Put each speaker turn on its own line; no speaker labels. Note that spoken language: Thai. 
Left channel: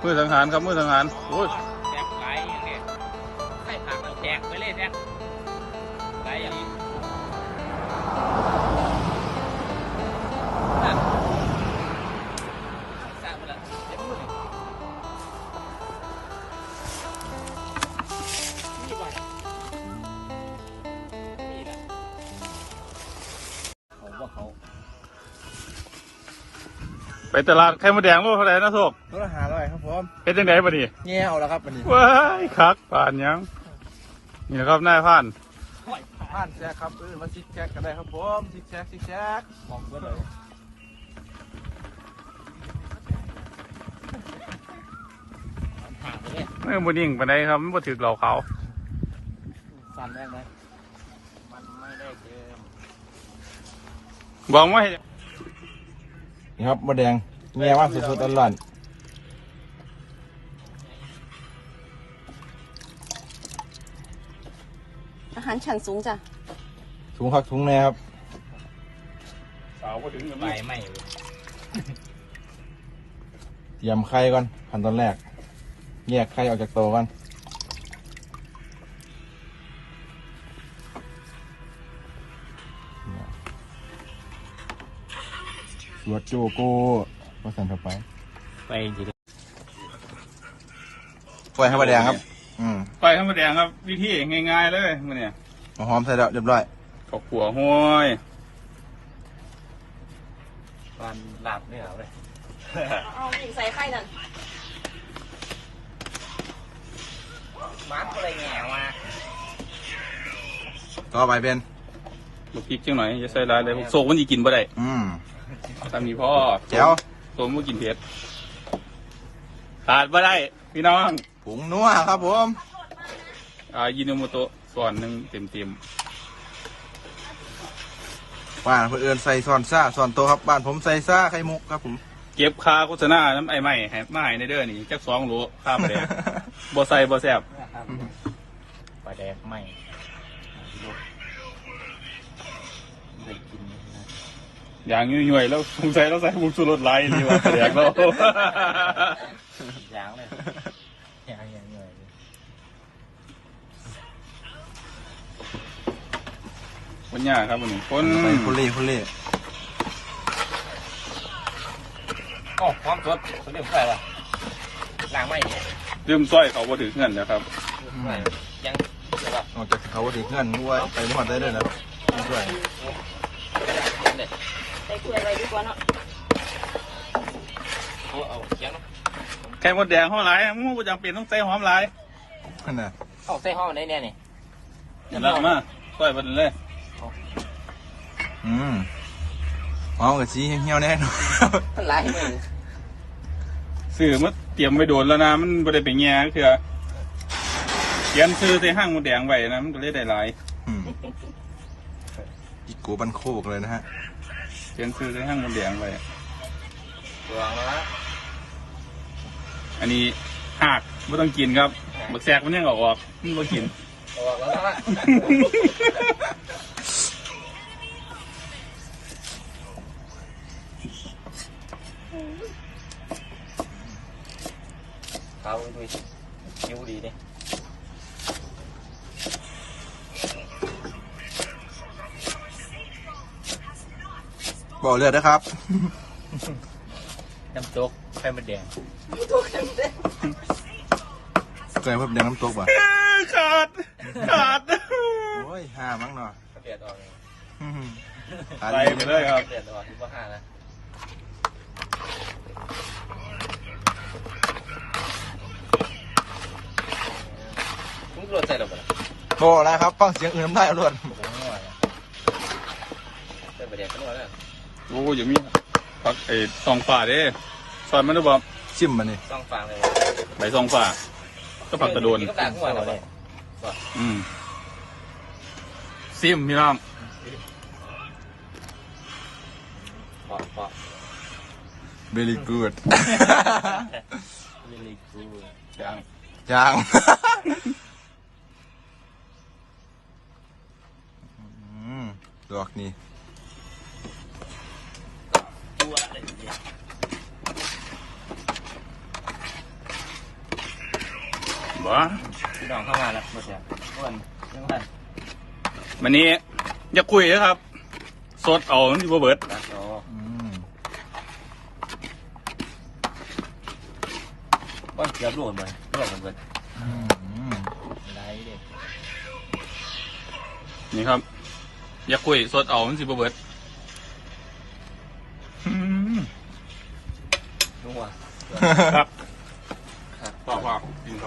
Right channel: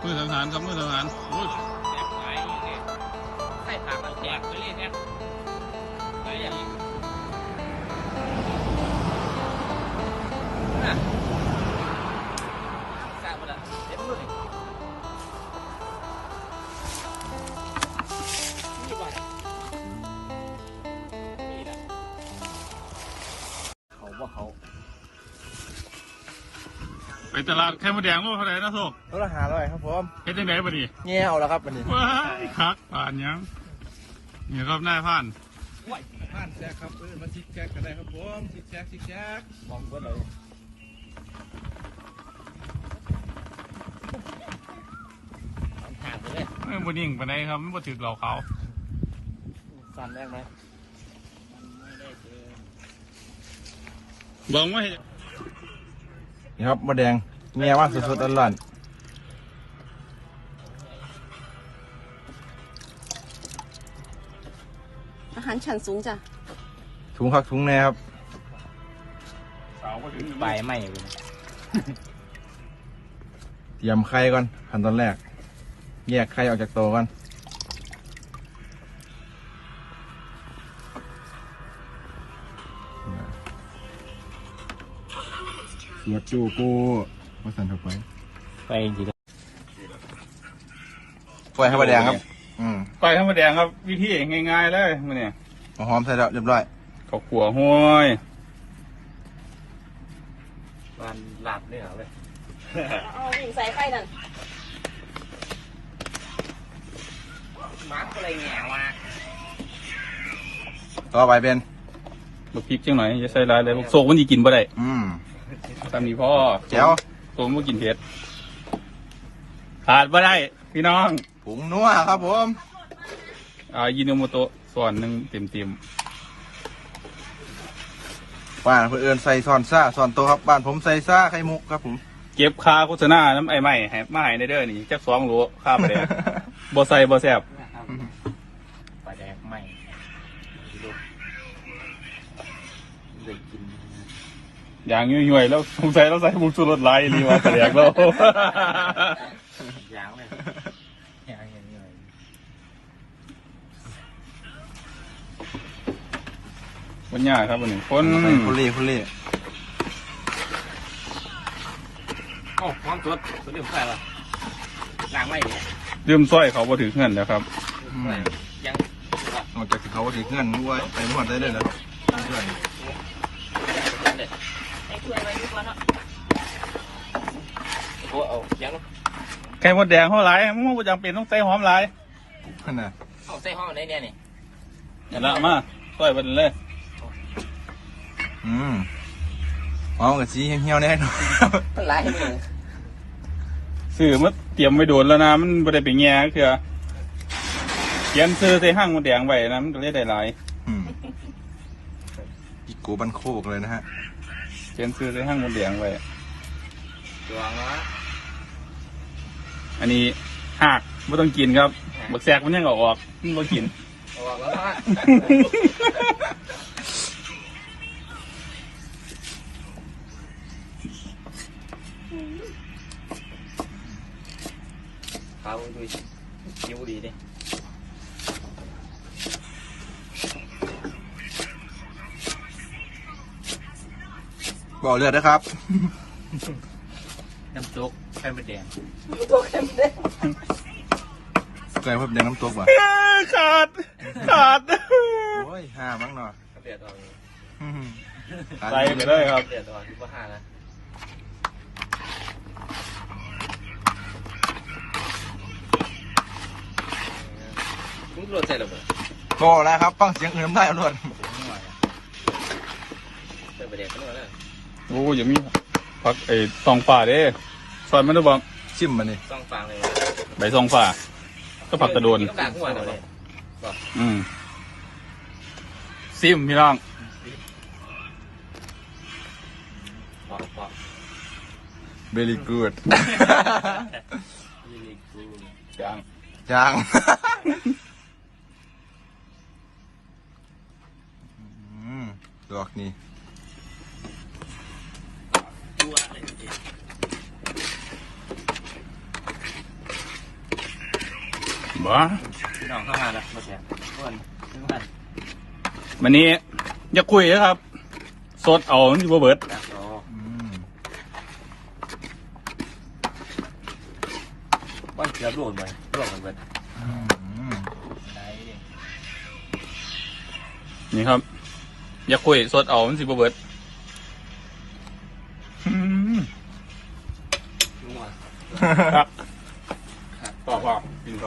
มือสังหารครับมือสังหารโอ้ย
แจกขายนี่เนี่ยใส่ผักมันแจกไปเลยแจกไปอ่ะน่ะกะมาละเดี๋ยวพูดเลยนี่บ่นี่แหละเขาว่าเขา
ไปตลาดไข่มดแดงรู้เท่าไหร่นะโชค
รถหาเลยครับผม
เป็นจังไดบ่ดิ
เงี้ยเอาแล้วครับวันนี้
ว้ายคักป่านยังนี่ครับนายผ่าน
ผ่านแจ็คครับมาซิกแจ็คกันได้ครับผมซิกแจ็ค
มองเพื่อนเลย ห่างไปเลย
ไม่บ่นิ่งปานใดครับมันบ่ถึกเหล่าเขา
สั่นแรกไหมมันไม่ได้เกิน
บอกว่า
นี่ครับมะแดงเงี้ยว่างสุดๆร้อน
อาหารชั้นสูงจ้ะ
ถุงคักถุงแน่ครับ
สาวก็ถึง
ไปไม่
เตรียมไข่ก่อนขั้นตอนแรกแยกไข่ออกจากโตก่อนสวดจูกูว่าสั่นเข้าไป
ไปจริง
ปล่อยให้มะแดงครับ
ไปไข่มดแดงครับวิธีง่ายๆเลยมื้อนี้
หอมใส่แล้วเรียบร้อย
ขอขัวห้วย
มันหลับเนี่ยเหรอเลย
เอาใส่ไข่นั่น
มาร์กอะไรเนี่ยวะ
ต่อไปเป็น
ลูกพริกจังหน่อยจะใส่แล้วเดี๋ยวโซกมันจะกินบ่ได้ทำนี้เพราะ
แก้ว
ผมก็กินเผ็ดขาดบ่ได้พี่น้อง
ผงนัวครับผม
ยิโนโมโตะส่วนมันเต็ม
บ้านเพื่อนใส่ซอนซ่าซอนโตครับบ้านผมใส่ซ่าไข่มุกครับผม
เก็บคาโฆษณาน้ำไอ้ไม้ให้มาให้ในเด้อนี่จัก2 โลค่าไปเลยบ่ใส่บ่แซ่บ
ปลาแดกไม่ดูเด็กกิน
อย่างย่อยๆแล้วสงสัยเราใส่บุกชูรสไหลนี่ว่าแดกแล้ว
ยางเลยยาง
เป็นยากครับวันนี้คน
เล่
โอ้ความสดเรื่องอะไรหรอยางไม่
เริ่มซ้อยเขาก็ถือเงินแล้วครับ
ยัง
นอกจากเขาถึงเงื่อนด้วยไปหมดได้เลยนะด้วย
ใส่เกลือเลยดีกว่าเนาะ
เอายัง
ไข่มดแดงหอมหลายมันไม่จำเป็นต้องใส่หอมหลาย
ขนาด
เอาใส่ห้องได้เนี่ยนี่
เดี๋ยวละมาซ้อยไปเลย
หอมกับสีเหี่ยวๆแน่นอน
สื่อมันเตรียมไม่โดนแล้วนะมันไม่ได้ไปแง่คือเขียนซื้อใส่ห้างมดแดงไว้นะมันจะได้หลาย
อีกโกบันโคกเลยนะฮะ
เขียนซื้อใส่ห้างมดแดงไว้
ตัวละ
อันนี้หักไม่ต้องกินครับบักแซกมันยังออกมันไม่กิน
ออกแล้วปลาดูยิ้วดีดิ
บอกเลือดนะครับ
น้ำตกไข่มดแดง
เกิดเพิ่มแดงน้ำตกว่ะ
ขาด
โอ้ยห้ามั้งเนาะ
เปลี่ยนออก
อะไรก็ได้ครับ
เปลี่ยนออกที่ว่าห้าแล้วคุณรถใส่หรือเปล่า
โอ้แล้วครับฟังเสียงอื่นน้ำได้รวด
ใส่ประเด็นกันหมดแล้ว
โอ้อย่างนี้พักซองฝ่าเด้ซอยมันรู้บอก
ซิมมันนี่
ซองฝางเลย
ใบซองฝ่าก็ผักกระโดนซิมพี่น้อง
very good
จาง
ดอกนี่
พี่น้องเข้ามาแล้วมาเสียอ้วนขึ้นมา
วันนี้อย่าคุยนะครับ สดเอามันสิบ่เบิด
แล้วก็
อืม
ว่าเกือบโดนไปร่วงกันเบิด
อืม
ไรดิ
นี่ครับ อย่าคุยสดเอามันสิบ่เบิดอืม
รู้หมด
ครับ